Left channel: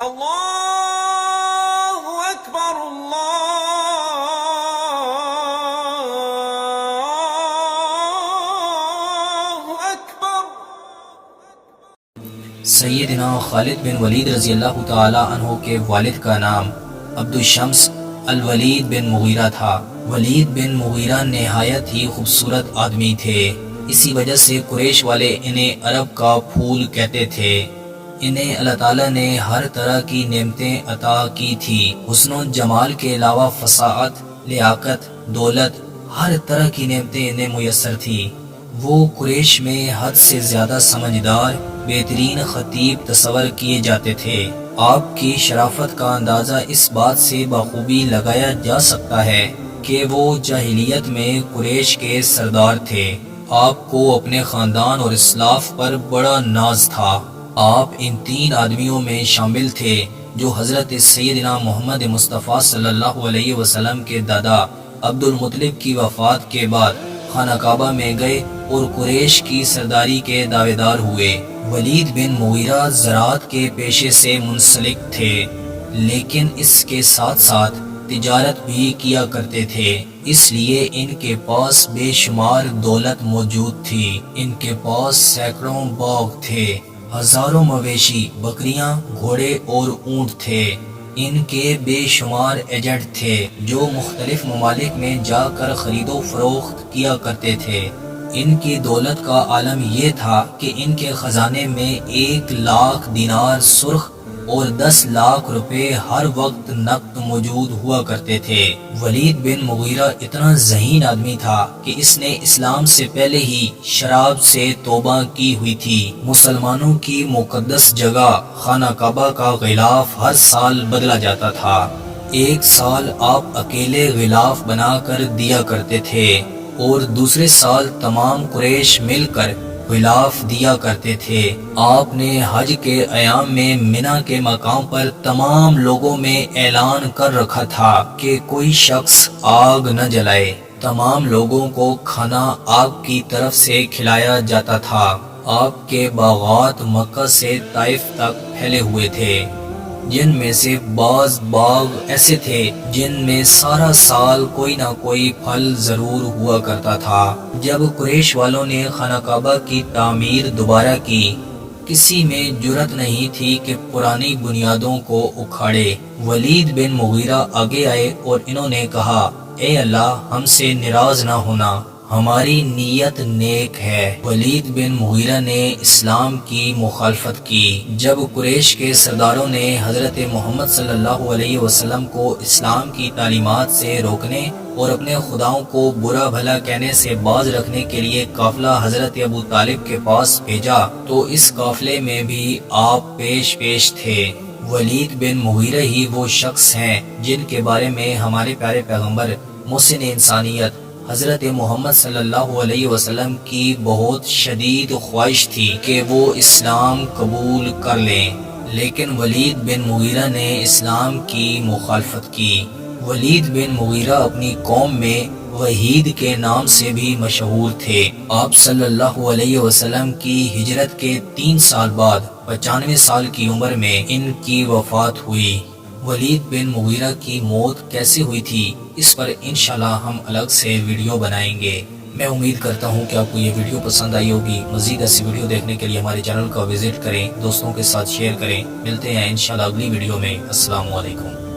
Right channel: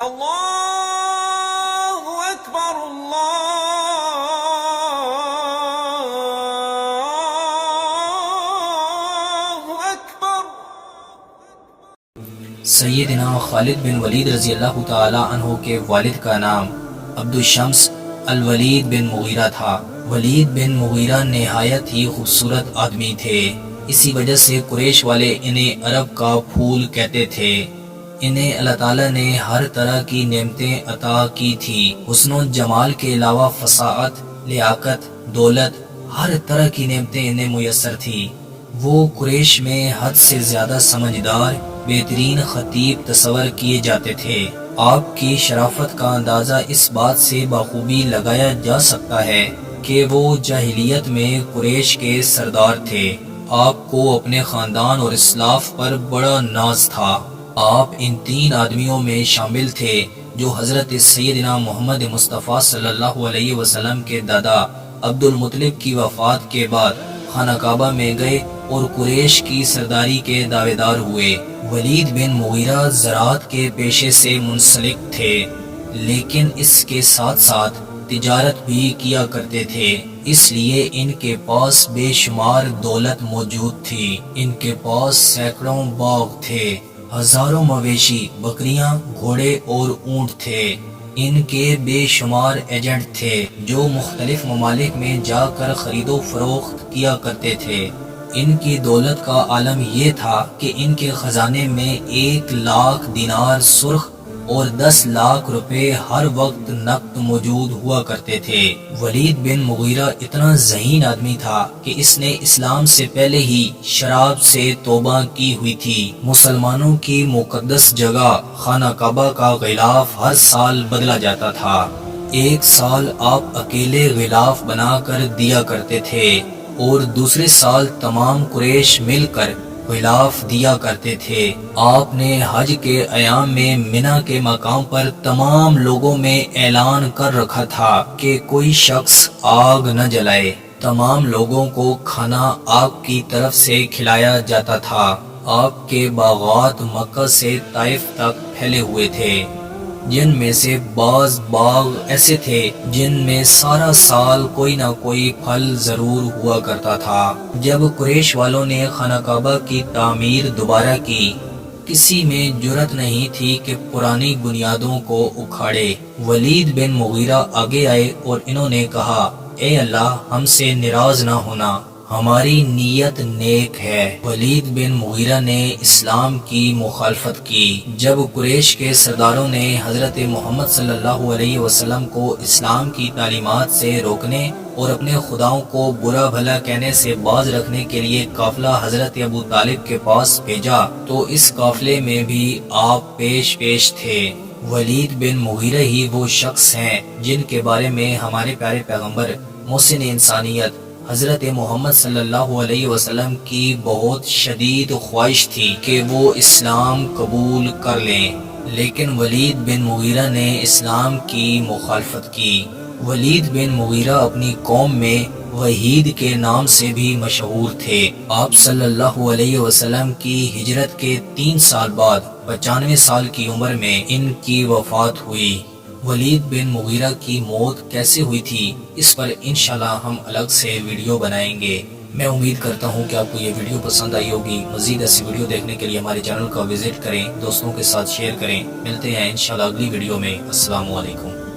اللہ اکبر اللہ اکبر۔ سیدنا خالد بن ولید رضی اللہ تعالی عنہ کے والد کا نام عبدالشمس الولید بن مغیرہ تھا۔ ولید بن مغیرہ نہایت ہی خوبصورت آدمی تھے، اسی وجہ سے قریش والے انہیں عرب کا پھول کہتے تھے۔ انہیں اللہ تعالیٰ نے ہر طرح کی نعمتیں عطا کی تھی۔ حسن و جمال کے علاوہ فصاحت، لیاقت، دولت، ہر طرح کی نعمتیں انہیں میسر تھی۔ وہ قریش میں حد سے زیادہ سمجھدار، بہترین خطیب تصور کیے جاتے تھے۔ آپ کی شرافت کا اندازہ اس بات سے بخوبی لگایا جا سکتا ہے کہ وہ جاہلیت میں قریش کے سردار تھے۔ آپ کو اپنے خاندان اور اسلاف پر بڑا ناز تھا۔ آپ ان 3 آدمیوں میں شامل تھے جو حضرت سیدنا محمد مصطفیٰ صلی اللہ علیہ وسلم کے دادا عبد المطلب کی وفات کے بعد خانہ کعبہ میں گئے اور قریش کی سرداری کے دعوے دار ہوئے۔ ولید بن مغیرہ زراعت کے پیشے سے منسلک تھے، لیکن اس کے ساتھ ساتھ تجارت بھی کیا کرتے تھے، اس لیے ان کے پاس بے شمار دولت موجود تھی۔ ان کے پاس سینکڑوں باغ تھے، ہزاروں مویشی، بکریاں، گھوڑے اور اونٹ تھے۔ ان کے بے شمار ایجنٹ تھے جو مختلف ممالک میں جا کر خرید و فروخت کیا کرتے تھے۔ ان کی دولت کا عالم یہ تھا کہ ان کے خزانے میں 1,00,000 دینار سرخ اور 10 لاکھ روپے ہر وقت نقد موجود ہوا کرتے تھے۔ ولید بن مغیرہ اتنا ذہین آدمی تھا کہ اس نے اسلام سے پہلے ہی شراب سے توبہ کی ہوئی تھی۔ مسلمانوں کی مقدس جگہ خانہ کعبہ کا غلاف ہر سال بدلا جاتا تھا۔ ایک سال آپ اکیلے غلاف بنا کر دیا کرتے تھے اور دوسرے سال تمام قریش مل کر غلاف دیا کرتے تھے۔ آپ نے حج کے ایام میں منی کے مقام پر تمام لوگوں میں اعلان کر رکھا تھا کہ کوئی شخص آگ نہ جلائے۔ تمام لوگوں کو کھانا آپ کی طرف سے کھلایا جاتا تھا۔ آپ کے باغات مکہ سے طائف تک پھیلے ہوئے تھے، جن میں سے بعض باغ ایسے تھے جن میں سارا سال کوئی نہ کوئی پھل ضرور ہوا کرتا تھا۔ جب قریش والوں نے خانہ کعبہ کی تعمیر دوبارہ کی، کسی میں جرأت نہیں تھی کہ پرانی بنیادوں کو اکھاڑے۔ ولید بن مغیرہ آگے آئے اور انہوں نے کہا، اے اللہ، ہم سے ناراض نہ ہونا، ہماری نیت نیک ہے۔ ولید بن مغیرہ نے اسلام کی مخالفت کی۔ جب قریش کے سرداروں نے حضرت محمد صلی اللہ علیہ وسلم کو اسلام کی تعلیمات سے روکنے اور اپنے خداؤں کو برا بھلا کہنے سے باز رکھنے کے لیے قافلہ حضرت ابو طالب کے پاس بھیجا تو اس قافلے میں بھی آپ پیش تھے۔ ولید بن مغیرہ ہی وہ شخص ہیں جن کے بارے میں ہمارے پیارے پیغمبر محسن انسانیت حضرت محمد صلی اللہ علیہ وسلم کی بہت شدید خواہش تھی کہ وہ اسلام قبول کر لیں، لیکن ولید بن مغیرہ نے اسلام کی مخالفت کی۔ ولید بن مغیرہ اپنی قوم میں وحید کے نام سے بھی مشہور تھے۔ آپ صلی اللہ علیہ وسلم کی ہجرت کے 3 سال بعد 95 سال کی عمر میں ان کی وفات ہوئی۔ ولید بن مغیرہ کی موت کیسے ہوئی تھی، اس پر انشاءاللہ ہم الگ سے ویڈیو بنائیں گے۔ میں امید کرتا ہوں کہ آپ کو یہ ویڈیو پسند آئی ہوگی۔ مزید ایسی ویڈیو دیکھنے کے لیے ہمارے چینل کا وزٹ کریں، دوستوں کے ساتھ شیئر کریں۔ ملتے ہیں انشاءاللہ اگلی ویڈیو میں۔ السلام علیکم۔